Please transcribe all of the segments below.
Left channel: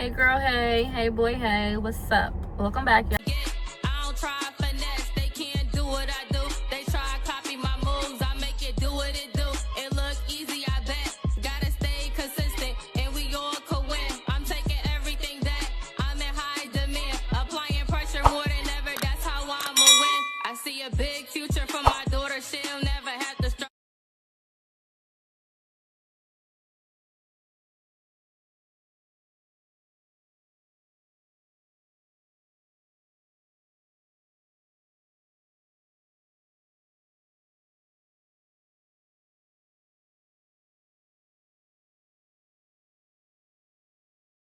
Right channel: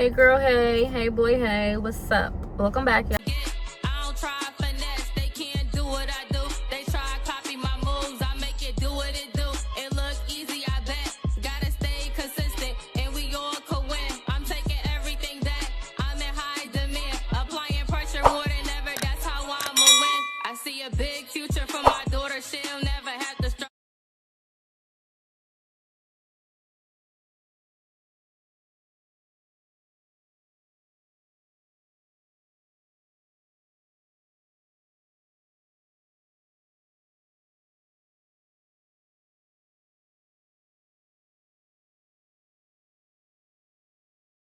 Hey girl, hey. Hey boy, hey. What's up? Welcome back. I don't try finesse, they can't do what I do. They try copy my moves, I make it do what it do. It look easy, I bet. Gotta stay consistent, and we all could win. I'm taking everything that I'm in high demand, applying pressure more than ever. That's how I'ma win. I see a big future for my daughter. She'll never have to struggle.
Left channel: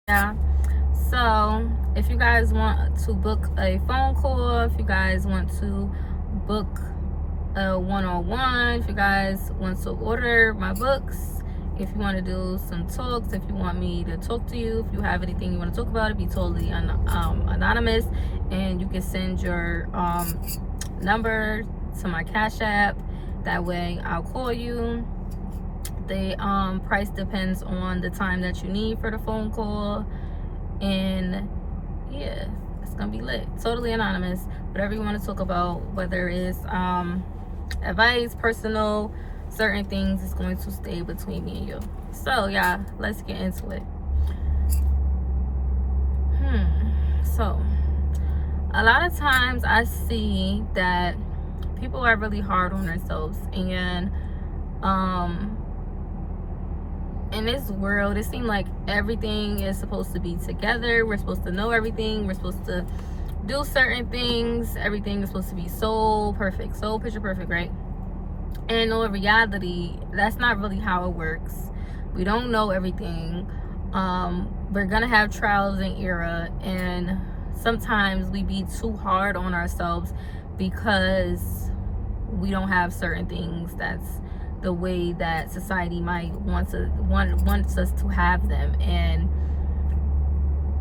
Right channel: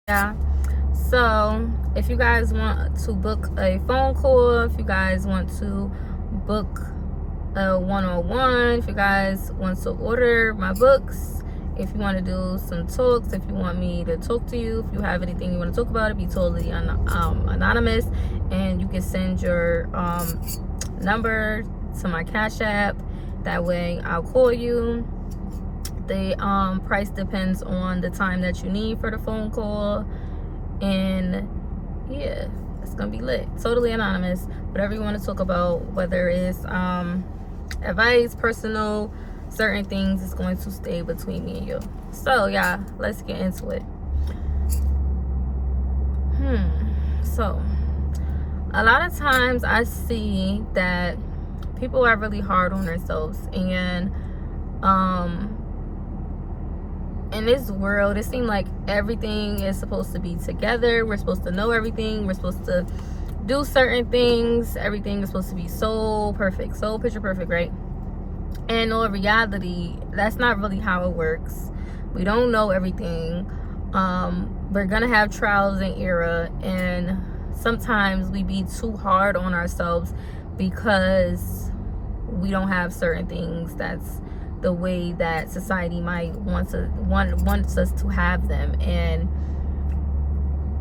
Yeah. So, if you guys want to book a phone call, if you guys want to book a one-on-one, if you guys want to order my books, if you want to do some talks, if you want me to talk to you, if you have anything you want to talk about, it'd be totally anonymous, and you can send your number to my Cash App. That way I'll call you. The price depends on the time that you need for the phone call, and yeah, it's gonna be lit. Totally anonymous. Whatever you want to talk about, whether it's advice, personal, certain things, is going to stay between me and you. So yeah, let's get into it. So a lot of times I see that people are really hard on themselves, and in this world, it seems like everything is supposed to be together. We're supposed to know everything. We're supposed to do certain things. Everything is supposed to be so perfect, so picture perfect, right? And in reality, that's not really how it works. We don't know everything. We're gonna have trials and error, and sometimes we be too hard on ourselves because we don't have certain things that's the way that society might wants us to have them. And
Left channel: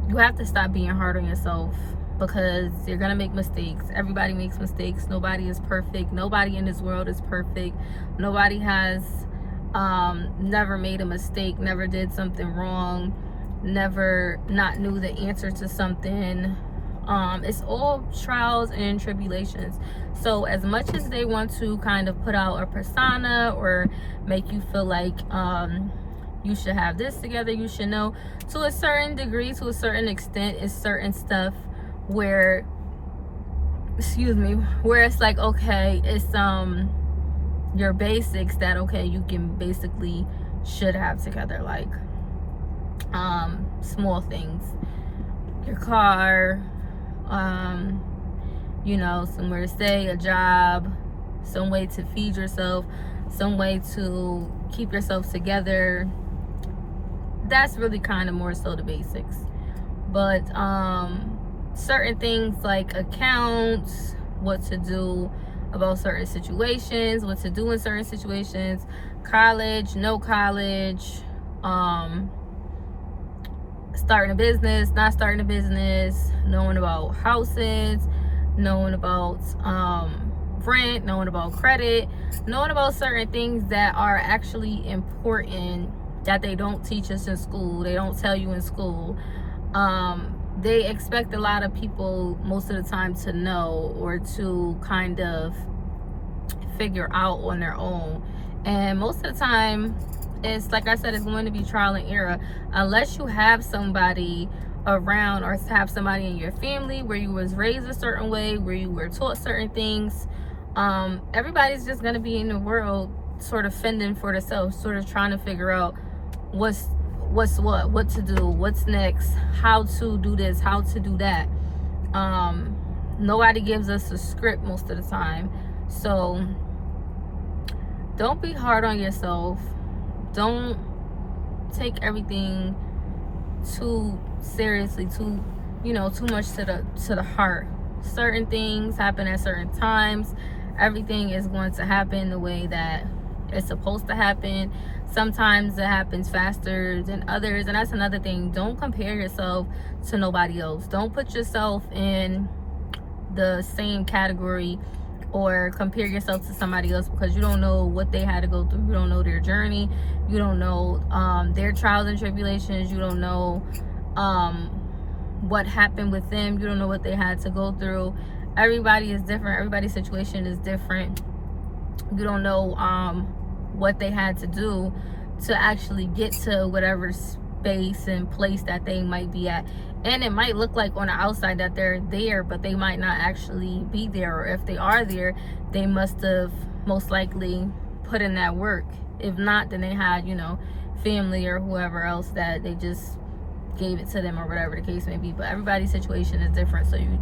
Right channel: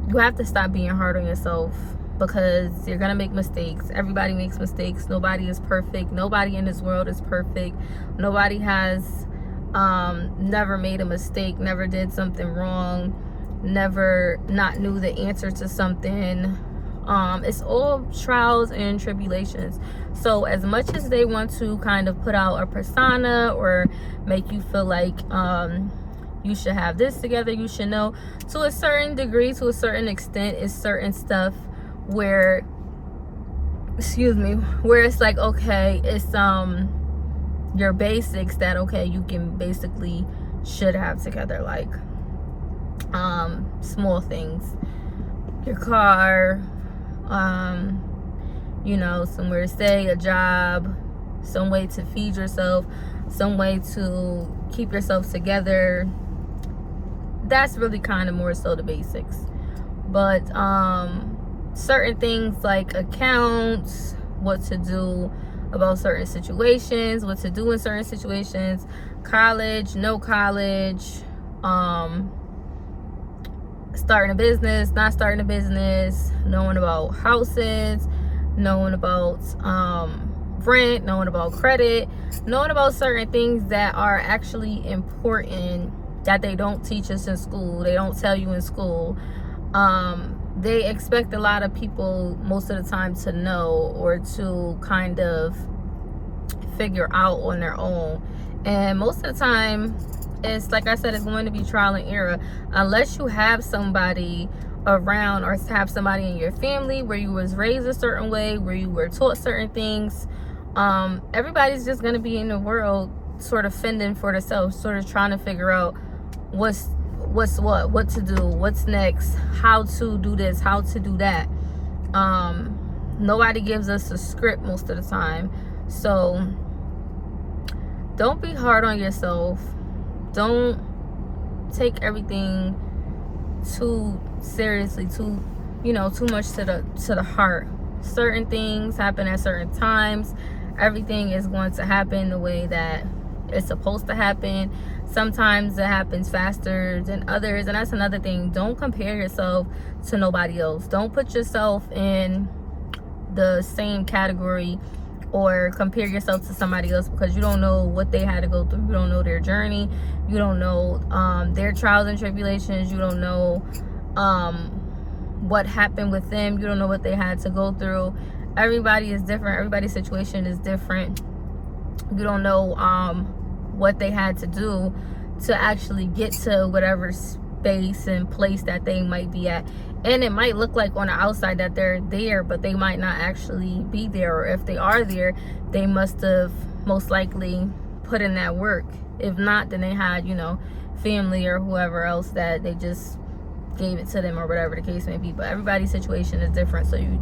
you have to stop being hard on yourself, because you're gonna make mistakes. Everybody makes mistakes. Nobody is perfect. Nobody in this world is perfect. Nobody has never made a mistake, never did something wrong, never not knew the answer to something. It's all trials and tribulations. So as much as they want to kind of put out a persona or make you feel like you should have this together, you should know, to a certain degree, to a certain extent, is certain stuff where, where it's like, okay, it's your basics that, okay, you can basically should have together, like small things, your car, somewhere to stay, a job, some way to feed yourself, some way to keep yourself together. That's really kind of more so the basics. But certain things like accounts, what to do about certain situations, what to do in certain situations, college, no college, starting a business, not starting a business, knowing about houses, knowing about rent, knowing about credit, knowing about certain things that are actually important that they don't teach us in school, they don't tell you in school. They expect a lot of people most of the time to know or to kind of figure out on their own. And most of the time, it's like I said, it's going to be trial and error, unless you have somebody around or have somebody in your family where you was raised a certain way, where you were taught certain things. Everybody's just going to be in the world sort of fending for themselves, sort of trying to figure out what to do, what's next, how to do this, how to do that. Nobody gives us a script most of the time. So don't be hard on yourself. Don't take everything too seriously, too much to the heart. Certain things happen at certain times. Everything is going to happen the way that it's supposed to happen. Sometimes it happens faster than others, and that's another thing. Don't compare yourself to nobody else. Don't put yourself in the same category or compare yourself to somebody else, because you don't know what they had to go through. You don't know their journey. You don't know their trials and tribulations. You don't know what happened with them. You don't know what they had to go through. Everybody is different. Everybody's situation is different. You don't know what they had to do to actually get to whatever space and place that they might be at. And it might look like on the outside that they're there, but they might not actually be there. Or if they are there, they must have most likely put in that work. If not, then they had, you know, family or whoever else that they just gave it to them, or whatever the case may be. But everybody's situation is different, so you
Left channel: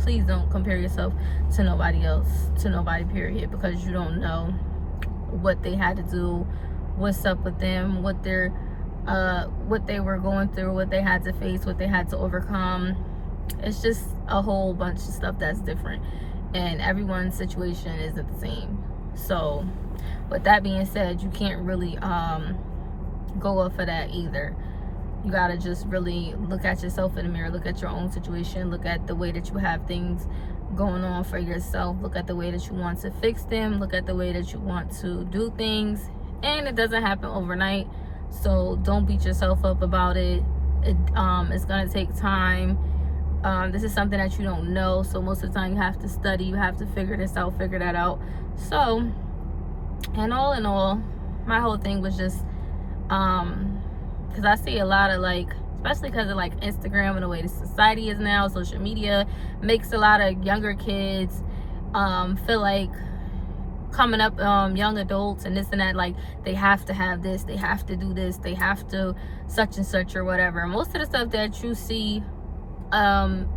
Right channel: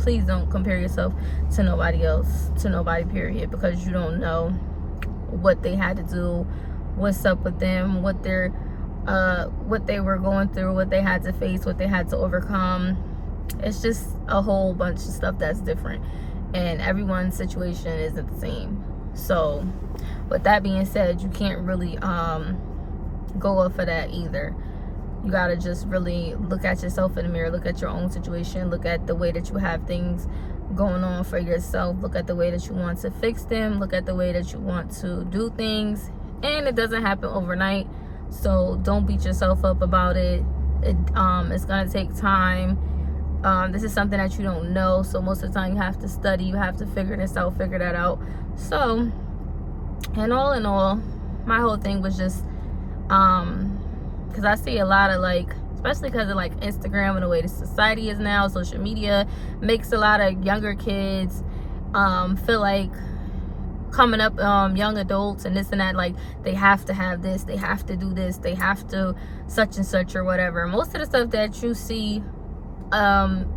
please don't compare yourself to nobody else, to nobody, period, because you don't know what they had to do, what's up with them, what they were going through, what they had to face, what they had to overcome. It's just a whole bunch of stuff that's different, and everyone's situation isn't the same. So with that being said, you can't really go off of that either. You gotta just really look at yourself in the mirror, look at your own situation, look at the way that you have things going on for yourself, look at the way that you want to fix them, look at the way that you want to do things. And it doesn't happen overnight, so don't beat yourself up about it. It's gonna take time. This is something that you don't know, so most of the time you have to study, you have to figure this out, figure that out. So, and all in all, my whole thing was just because I see a lot of, like, especially because of like Instagram and the way the society is now, social media makes a lot of younger kids feel like coming up, young adults and this and that, like they have to have this, they have to do this, they have to such and such or whatever. Most of the stuff that you see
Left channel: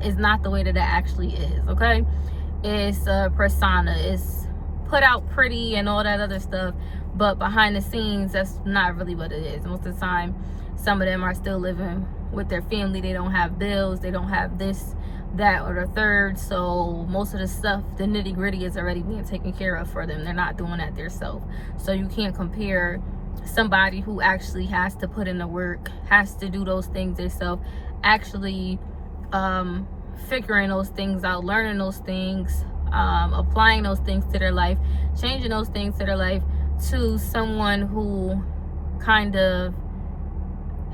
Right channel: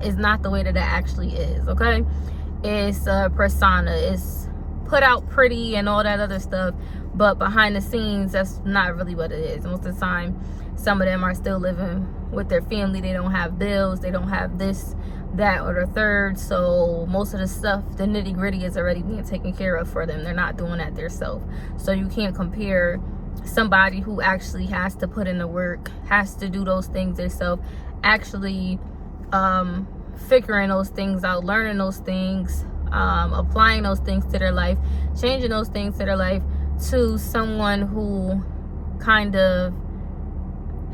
is not the way that it actually is, okay? It's a persona, it's put out pretty and all that other stuff, but behind the scenes, that's not really what it is. Most of the time, some of them are still living with their family. They don't have bills, they don't have this, that, or the third. So most of the stuff, the nitty gritty, is already being taken care of for them. They're not doing that themselves. So you can't compare somebody who actually has to put in the work, has to do those things themselves, actually figuring those things out, learning those things, applying those things to their life, changing those things to their life, to someone who kind of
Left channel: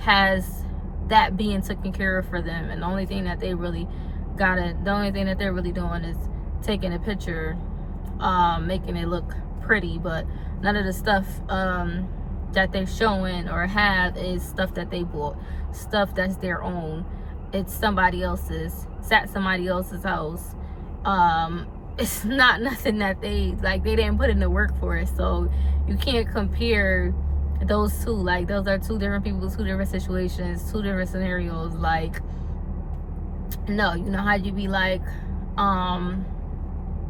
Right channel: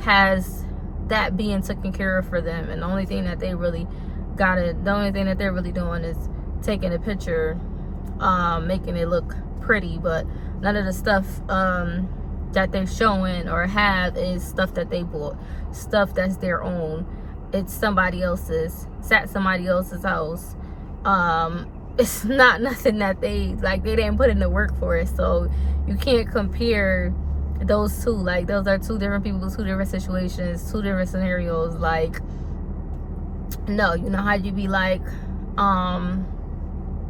has that being taken care of for them, and the only thing that they're really doing is taking a picture, making it look pretty, but none of the stuff that they're showing or have is stuff that they bought, stuff that's their own. It's somebody else's, it's at somebody else's house. It's not nothing that they didn't put in the work for it. So you can't compare those two. Like, those are two different people, two different situations, two different scenarios. Like, no, you know how you be like,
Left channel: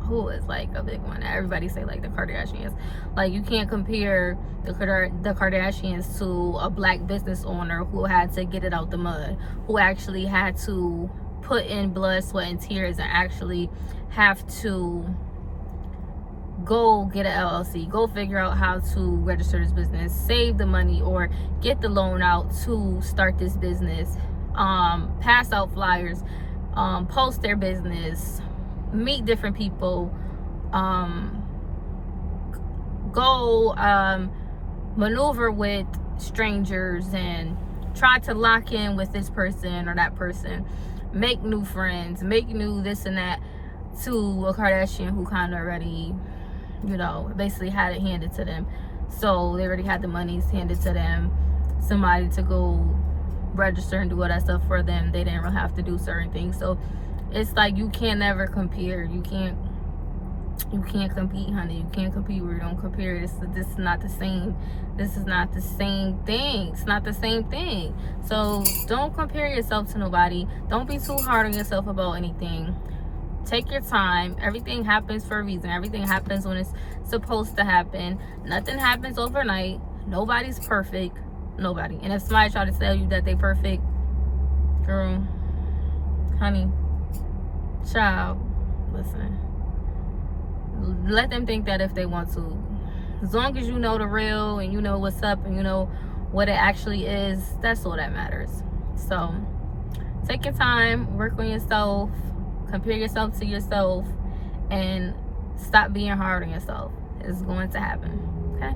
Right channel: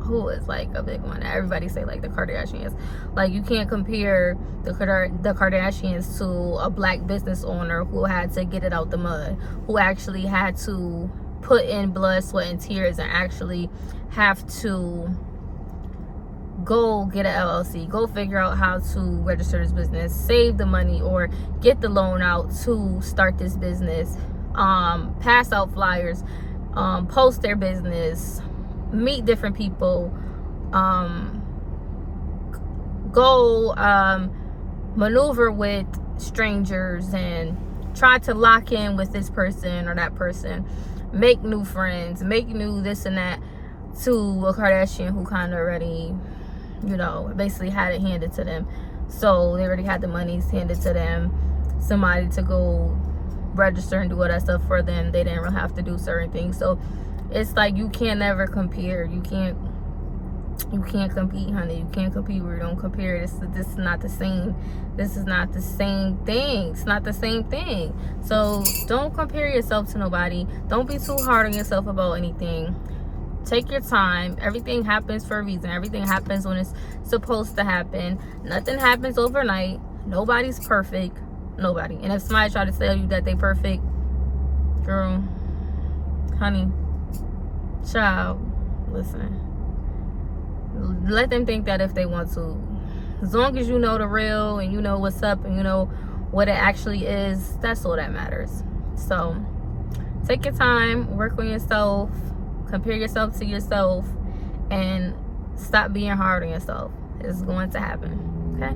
who is like a big one that everybody say, like the Kardashians. Like, you can't compare the Kardashians to a black business owner who had to get it out the mud, who actually had to put in blood, sweat, and tears, and actually have to go get an LLC, go figure out how to register this business, save the money or get the loan out to start this business, pass out flyers, post their business, meet different people, go maneuver with strangers and try to lock in with this person or that person, make new friends, make new this and that, to a Kardashian who kind of already, you know, basically had it handed to them. So they already had the monies handed to them, somebody to go register and do all that stuff for them. They didn't really have to do certain things. So it's like, you can't never compare. You can't compete, honey. You can't compete where you don't compare. This is not the same. This is not the same thing. It's not the same thing. So don't compare yourself to nobody. Don't be too hard on yourself about anything. Take your time. Everything happens for a reason. Everything happens when it's supposed to happen. Nothing happens overnight. Nobody's perfect. Nobody. And if somebody try to tell you that they perfect, girl, honey, child, listen. Let them think that if they want to. As long as you know the real and you know what's up and you know what it actually is, that's all that matters. So take your time, work on yourself, compare yourself to yourself, and stop being hard on yourself. It's going to happen, okay?